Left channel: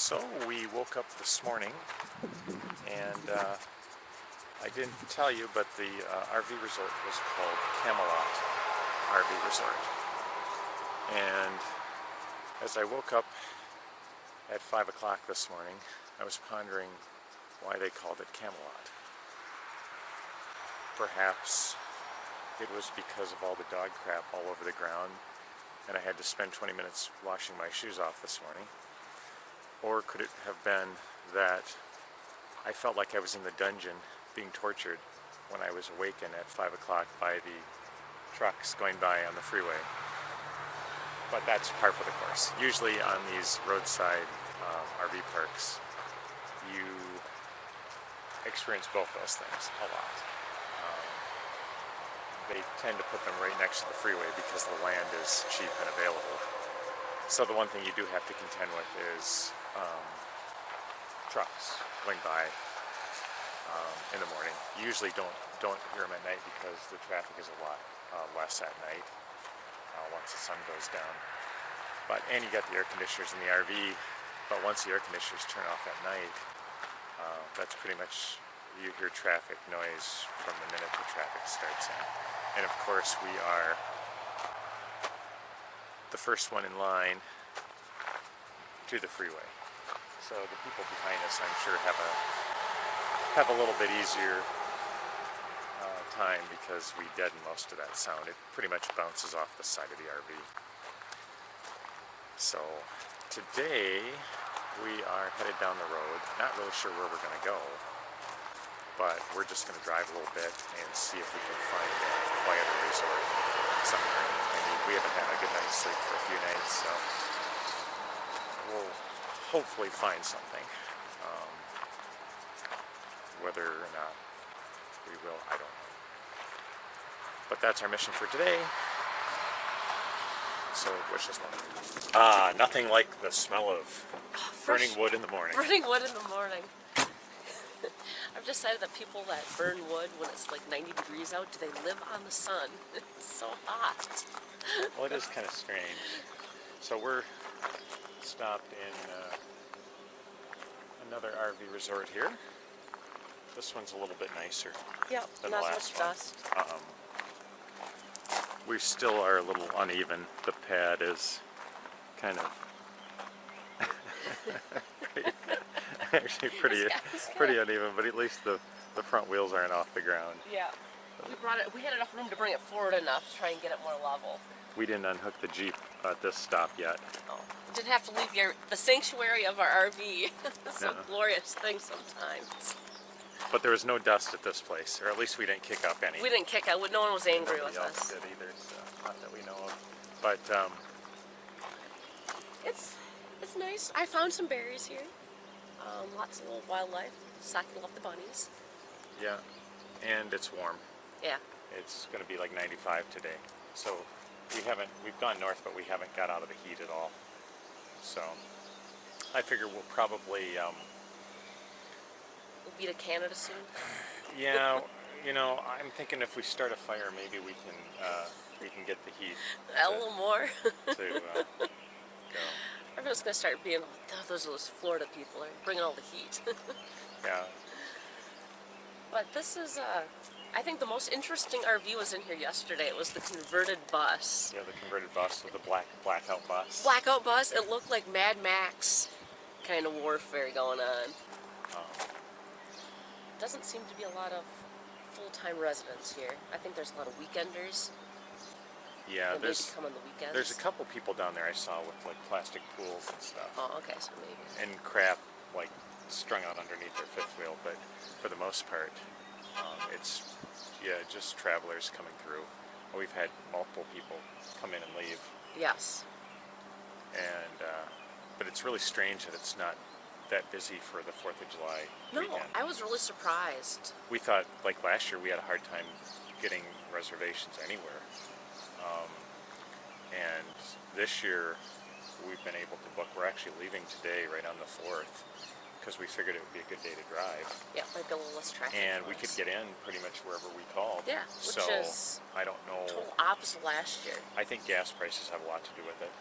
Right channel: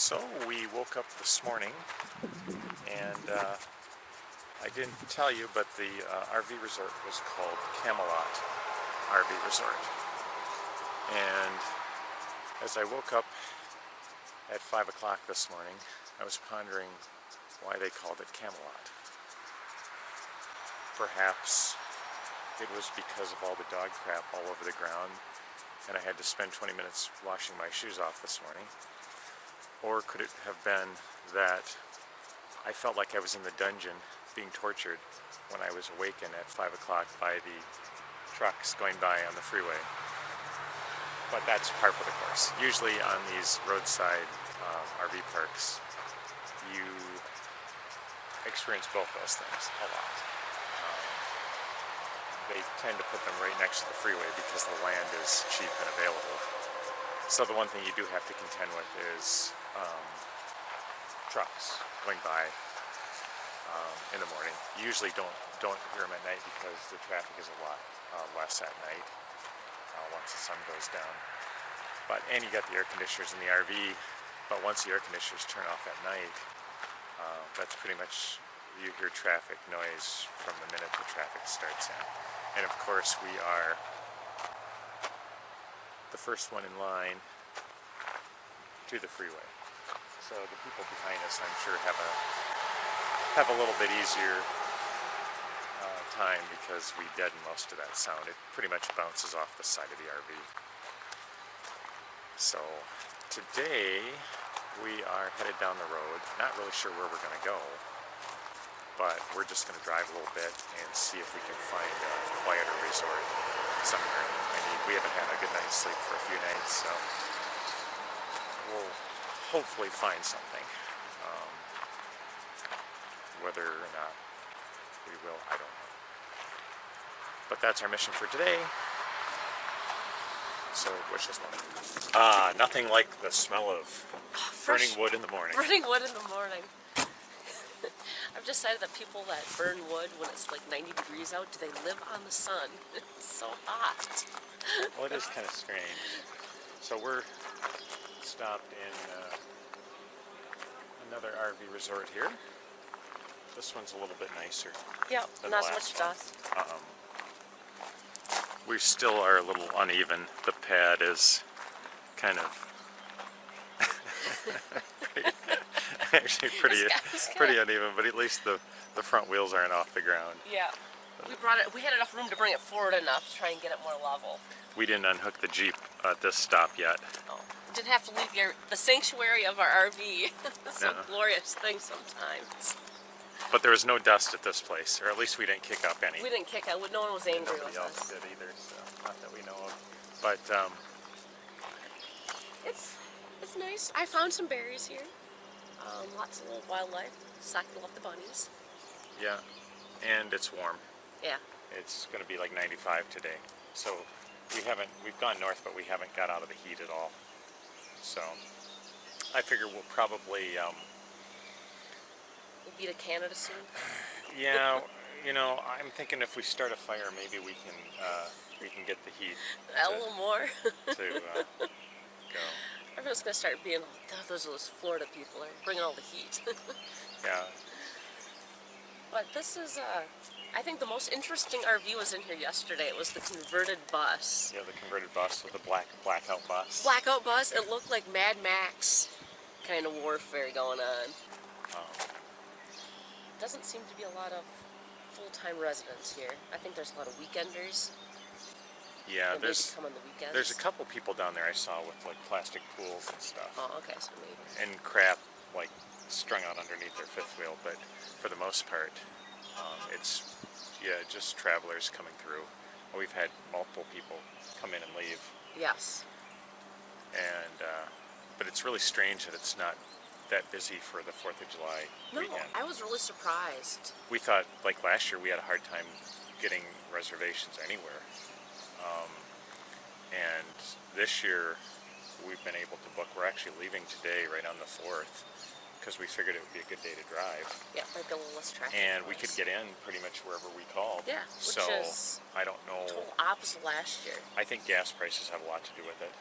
So we woke up this morning and I didn't tell you, but the RV resort was called Camelot RV Resort. And as I woke up at 5 o'clock this morning, I was pondering why they called it Camelot. Perhaps it was because of all the dog crap all over the ground and I had to spend 20 minutes washing my shoes off this morning. Or could it have been that I felt like I was in the dungeon being tortured when I was awakened at 5 o'clock by the trucks going by on the freeway. But that's par for the course. Usually on these roadside RV parks, you experience both those things a lot. They tend to put them right next to the freeway because the land is cheap and available. So the one thing you do have to contend with is trucks going by in the morning. You usually don't hear them at night because the traffic is a lot less at night once the sun goes down. And you got the air conditioners in the RV, but once the air conditioners turn off at night, that's pretty much, you hear traffic noise from the minute the traffic starts in. And of course we are the first one in line to the freeway. So the people behind us, I'm sure, have a little bit easier time because we deaden most of that sound. It pretty much bounces off the side of the RV. So today we are headed down the road. Not really sure where we're going to go, but we're just going to drive a little bit and see if we can find a quieter resort somewhere. We haven't had a good night's sleep for a few nights, so we'll hopefully find something. Whether or not we will, I don't know. But that's our mission for today. So wish us luck. Nothing like the smell of burning wood in the morning. Burning wood in the morning. I've decided that people that burn wood when it's like 90 degrees out, do they live on the sun? It's so hot. Well, it is kind of strange. So we're stopped in another RV resort here. This one's a little bit nicer. Yep, than not the as last much one. dust. We still are a little uneven. The pad is kind of pretty uneven, but at least the front wheels aren't off the ground. Yeah. We had enough room to bring it forward enough to try and get it more level. We didn't unhook the Jeep at this stop yet. Oh. Didn't have to leave the sanctuary of our RV. It's a glorious thing sometimes. But there was no dust at this place, or at least we didn't kick up any. We didn't kick up. No one was angry with us. Nobody else did either, so not that we know of. But it's nice. I found some berries here. Lots of little wildlife. Sucking off the bunnies. Yeah, and it's warm. Yeah. It's going to be like 95 today. So we've gone north, but we haven't got out of the heat at all. So I figure we'll probably we'll be to Canada soon. Yeah, I'm thinking if we start a fire, maybe we can get the heat A little more. to go. Everyone's gonna start being, oh, those Florida people are bringing all the heat. Yeah. But this is, I think the most interesting RV was in here yesterday. It was the converted bus. Yeah, the converted bus with the blackout bus. Blackout bus. It looked like Mad Max kind of warfare going on. Doesn't seem to be a lot of full-time residents here. I think there's a lot of weekenders. Yeah, come on the weekends. There's a couple people down there I saw with like plastic pools and stuff. Oh, okay, so maybe. And crap like strung out underneath their fifth wheel, but for the most part, it's just travelers coming through. We've had multiple people come in and leave. Yes. And but it's really strange that it's not that busy for the 4th of July weekend. No, I was really surprised. We thought, like last year, we had a hard time getting reservations anywhere. And this year, we've been able to book. We're actually leaving today, right on the 4th, because we figured it would be a good day to drive. Yeah, might be a little less traffic. And we could get in pretty much wherever we called. Yeah, which is I don't know. Total opposite last year. I think gas prices have a lot to do with it.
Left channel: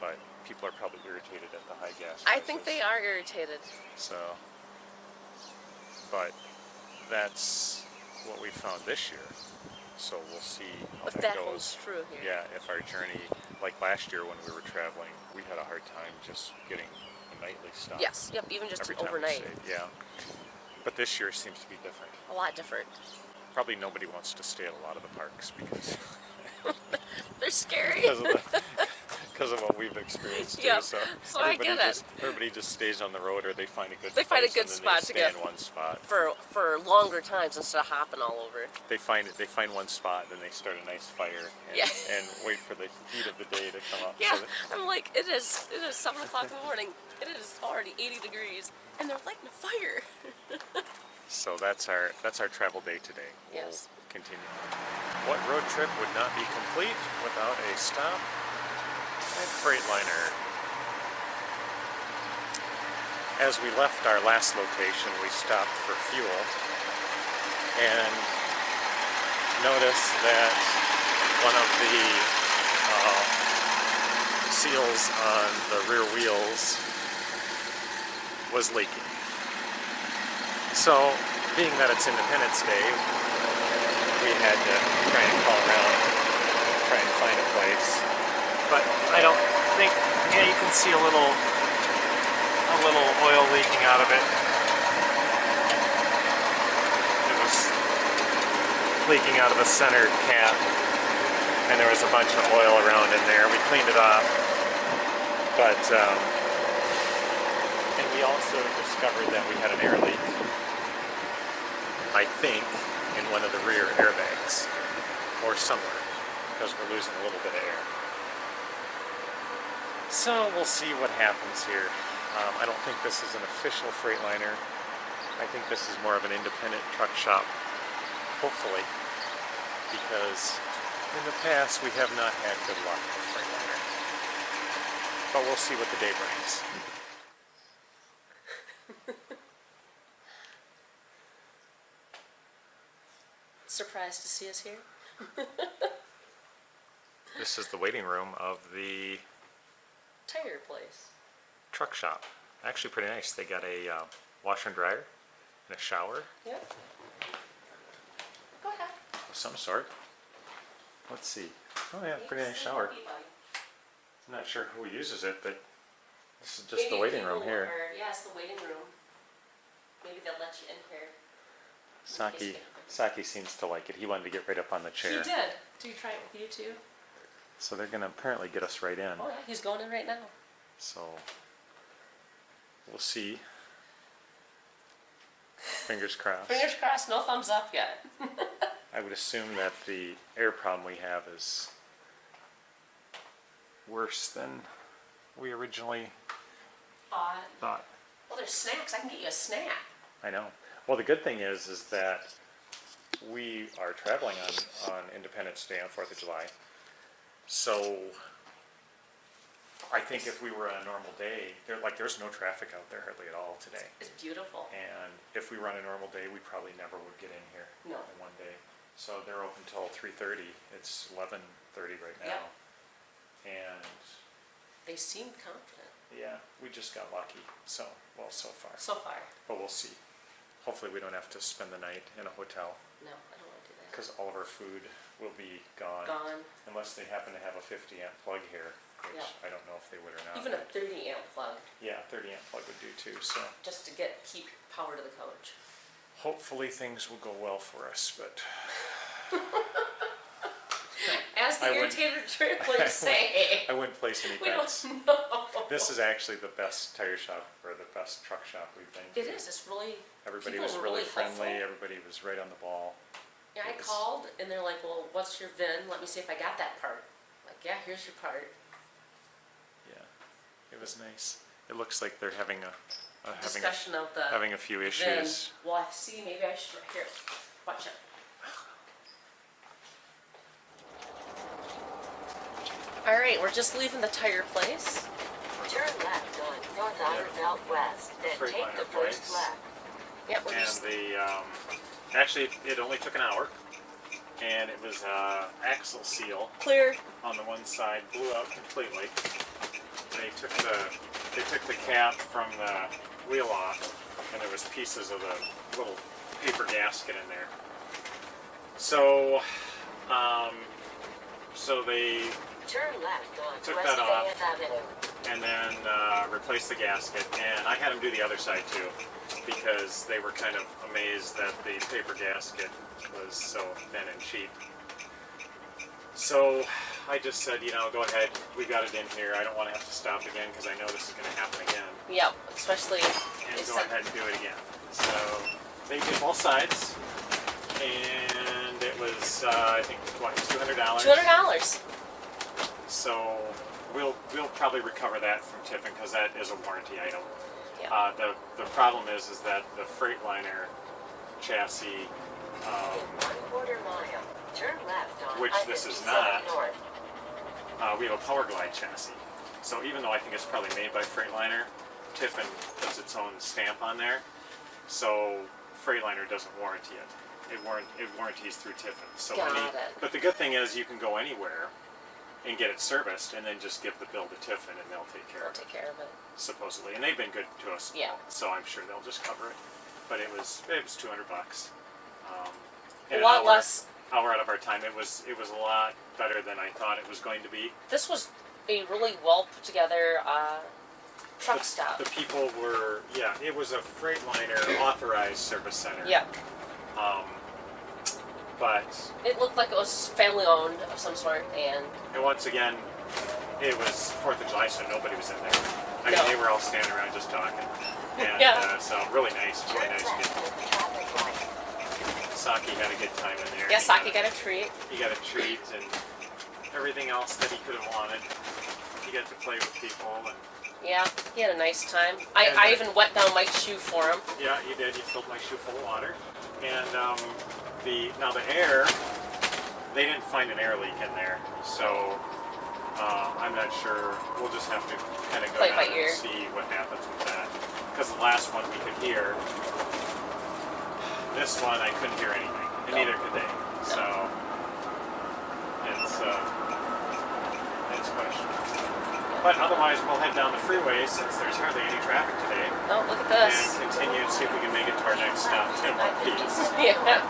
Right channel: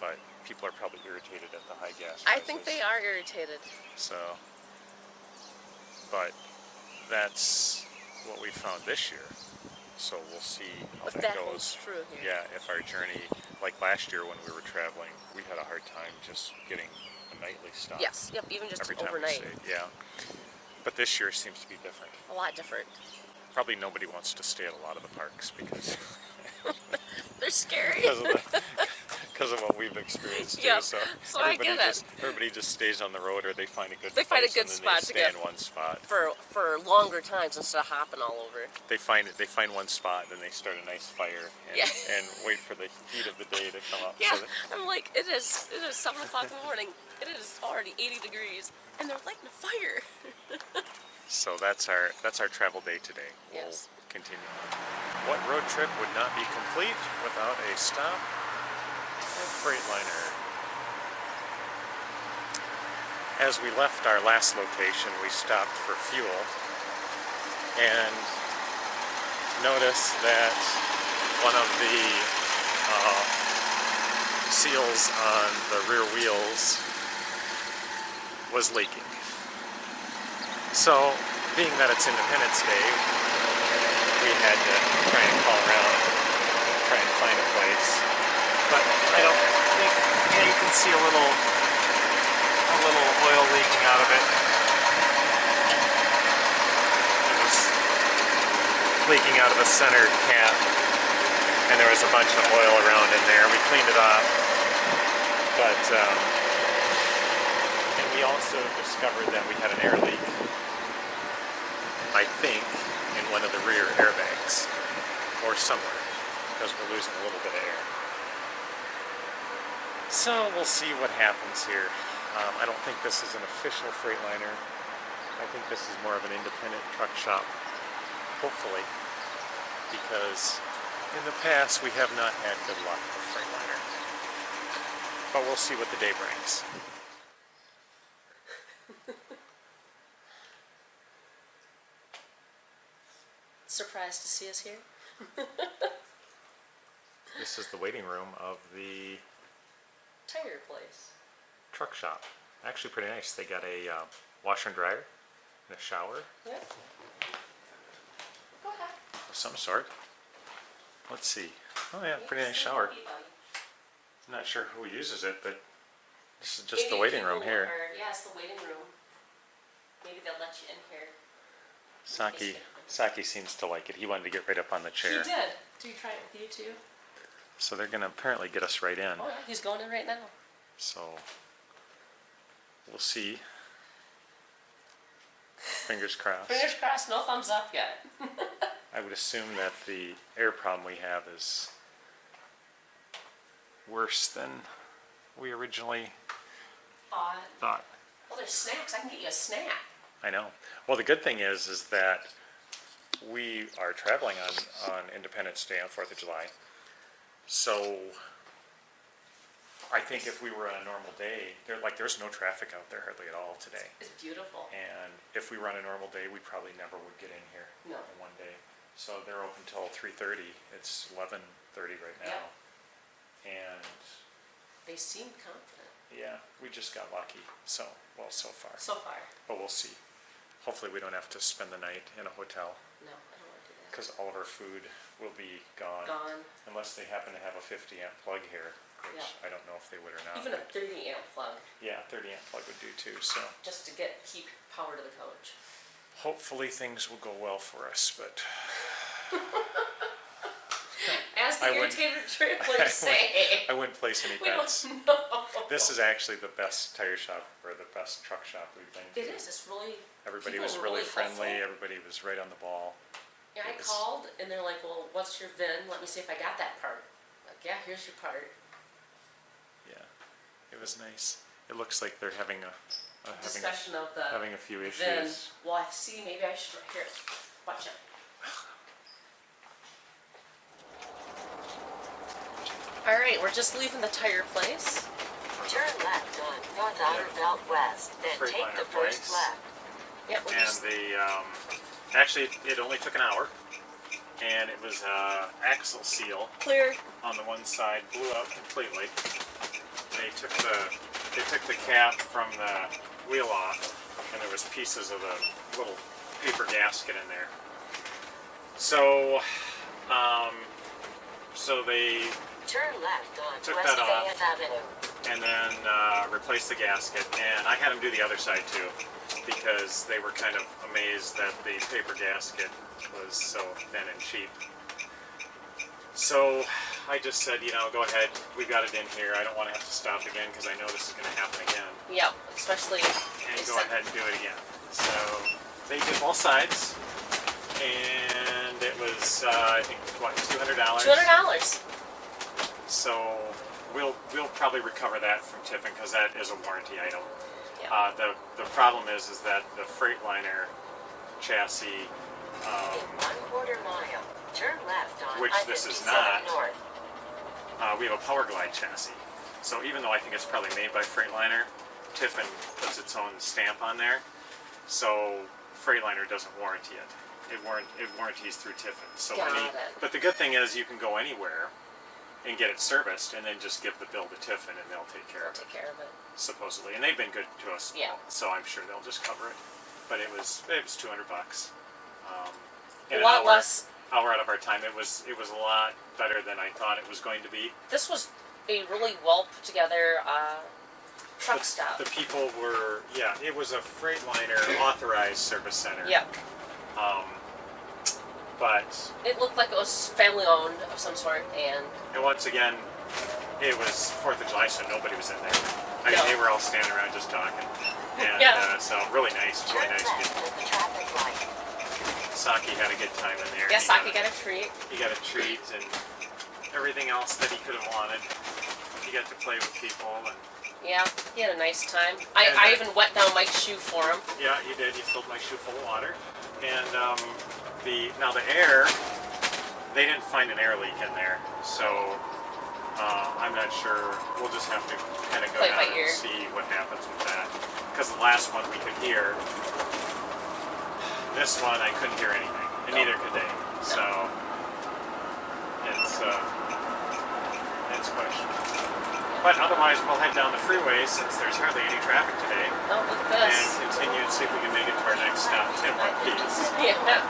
but people are probably irritated at the high gas prices. I think they are irritated. So, but that's what we found this year. So we'll see how If that that goes. holds true here. Yeah, if our journey, like last year when we were traveling, we had a hard time just getting a nightly stop. Yes, yep, even just every an time we overnight. stayed. Yeah, but this year seems to be different. A lot different. Probably nobody wants to stay at a lot of the parks because They're scary. because of what we've experienced too. Yep. So, So I get it. everybody just stays on the road, or they find a good They find a place good and then spot they to stay get in one spot. for longer times instead of hopping all over. They find one spot, then they start a nice fire and, Yeah. and wait for the heat of the day to come up. Yeah, So I'm like, it is 7 o'clock in the morning. It is already 80 degrees, and they're lighting a fire. So that's our travel day today. We'll Yes. continue. What road trip would not be complete without a stop at Freightliner? As we left our last location, we stopped for fuel and noticed that one of the seals on the rear wheels was leaking. So, being that it's Independence Day, we had to try and call around, try and find a place. But I don't think, yeah, you can see a little oil leaking out of it. It was leaking out of the center cap, and there was a bunch of oil around in there. We cleaned it off, but and we also discovered that we had an air leak, I think, in one of the rear airbags, or somewhere, because we're losing a little bit of air. So we'll see what happens here. I don't think this is an official Freightliner. I think this is more of an independent truck shop, hopefully, because in the past we have not had good luck with Freightliner. But we'll see what the day brings. Surprised to see us here? This is the waiting room of the Tire place. truck shop. Actually pretty nice. They got a washer and dryer and a shower Yep. Go ahead. of some sort. Let's see. Oh yeah, pretty nice shower. I'm not sure who uses it, but this is just the waiting room here. Yeah, it's the waiting room. Maybe they'll let you in here. Saki seems to like it. He wanted to get right up on the chair. He did. Did you try it with you too? So they're going to apparently get us right in. Oh yeah, he's going in right now. So we'll see. Fingers crossed. Fingers crossed, no thumbs up yet. I would assume that the air problem we have is worse than we originally thought. Well, there's snacks. I can get you a snack. I know. Well, the good thing is that we are traveling on Independence Day on 4th of July. So I think if we were on a normal day, there's no traffic out there hardly at all today. It's beautiful. And if we were on a normal day, we probably never would get in here No. in one day. So they're open till 3:30. It's 11:30 right now. Yep. And They seemed confident. yeah, we just got lucky. So far. So far. But we'll see. Hopefully we don't have to spend the night in a hotel, No, I don't want to do that. because all of our food will be gone. Gone. Unless they happen to have a 50 amp plug here, which Yeah. I don't know if they would or not. Even a 30 amp plug, Yeah, 30 amp plug would do too. So just to keep power to the coach. hopefully things will go well for us, but As the I wouldn't- irritated travelers say. I wouldn't place any We don't bets. know. This is actually the best tire shop, or the best truck shop we've been to. It is. It's really. Everybody people was were really friendly. helpful. Everybody was right on the ball. Yeah, I It was- called and they're like, "Well, what's your VIN? Let me see if I got that part." Like, yeah, here's your part. Yeah, it was nice. It looks like they're having Discussion of the having a few VIN. issues. Well, I see. Maybe I should. Here, watch it. All right, we're just leaving the tire place. Turn left on North Outer Belt West, then take Freightliner the first place. left. Yep, we're And just. actually it only took an hour, and it was axle seal Clear. on the one side blew out completely, they took the cap from the wheel off, and there was pieces of the little paper gasket in there. So, so they Turn left on took West that off. Fayette Avenue. and then replaced the gasket. And I had them do the other side too, because they were kind of amazed that the paper gasket was so thin and cheap. So I just said, you know, go ahead, we got it in here. I don't want to have to stop again because I know this is going to happen again. Yep, especially. And go ahead and do it again. So they did both sides, and it was I think what, $200. $200. So we'll probably recover that from Tiffin because that is a warranty item. Yeah. The problem is that the Freightliner chassis, In 1/4 mile, turn left on which this is I-57 not, North. we have a Power Glide chassis. So even though I think it's probably made by Freightliner, Tiffin puts its own stamp on there. So Freightliner doesn't warranty it. It warranties through Tiffin. So Got it. But the good thing is you can go anywhere and get it serviced, and then just give the bill to Tiffin, and they'll take care I'll of it. take care of it. Supposedly, and they've been good to us. Yeah. So I'm sure they'll just cover it. But it was $200. A And lot an less. hour out of our time. It was a lot better than I thought it was going to be. This was a really well put together truck The- stop. The people were, yeah, it was a Freightliner authorized service center. Yep. But It looked like it was family owned of some sort, and once again, it was 4th of July, so nobody was in there. I mean, No. they were all standing around just talking. And Yeah. so really nice Turn people. left at the traffic light. Saki had a good time in there. yeah, He Saki got a treat. He got a treat and everything else that he could have wanted. He got to play with people, and Yeah, he had a nice time. And, I even wet down Mike's shoe for him. yeah, he did. He filled my shoe full of water. And the air, they didn't find an air leak in there, so I'm not sure. We'll just have to kind of go Play down by and ear. see what happens with that. Because the last one we could hear. This one I couldn't hear anything, and neither could they. So it's questionable. But otherwise, we'll head down the freeway since there's hardly any traffic today, Oh, look at this. and continue to see if we can make it to our next stop, Tim. Yeah.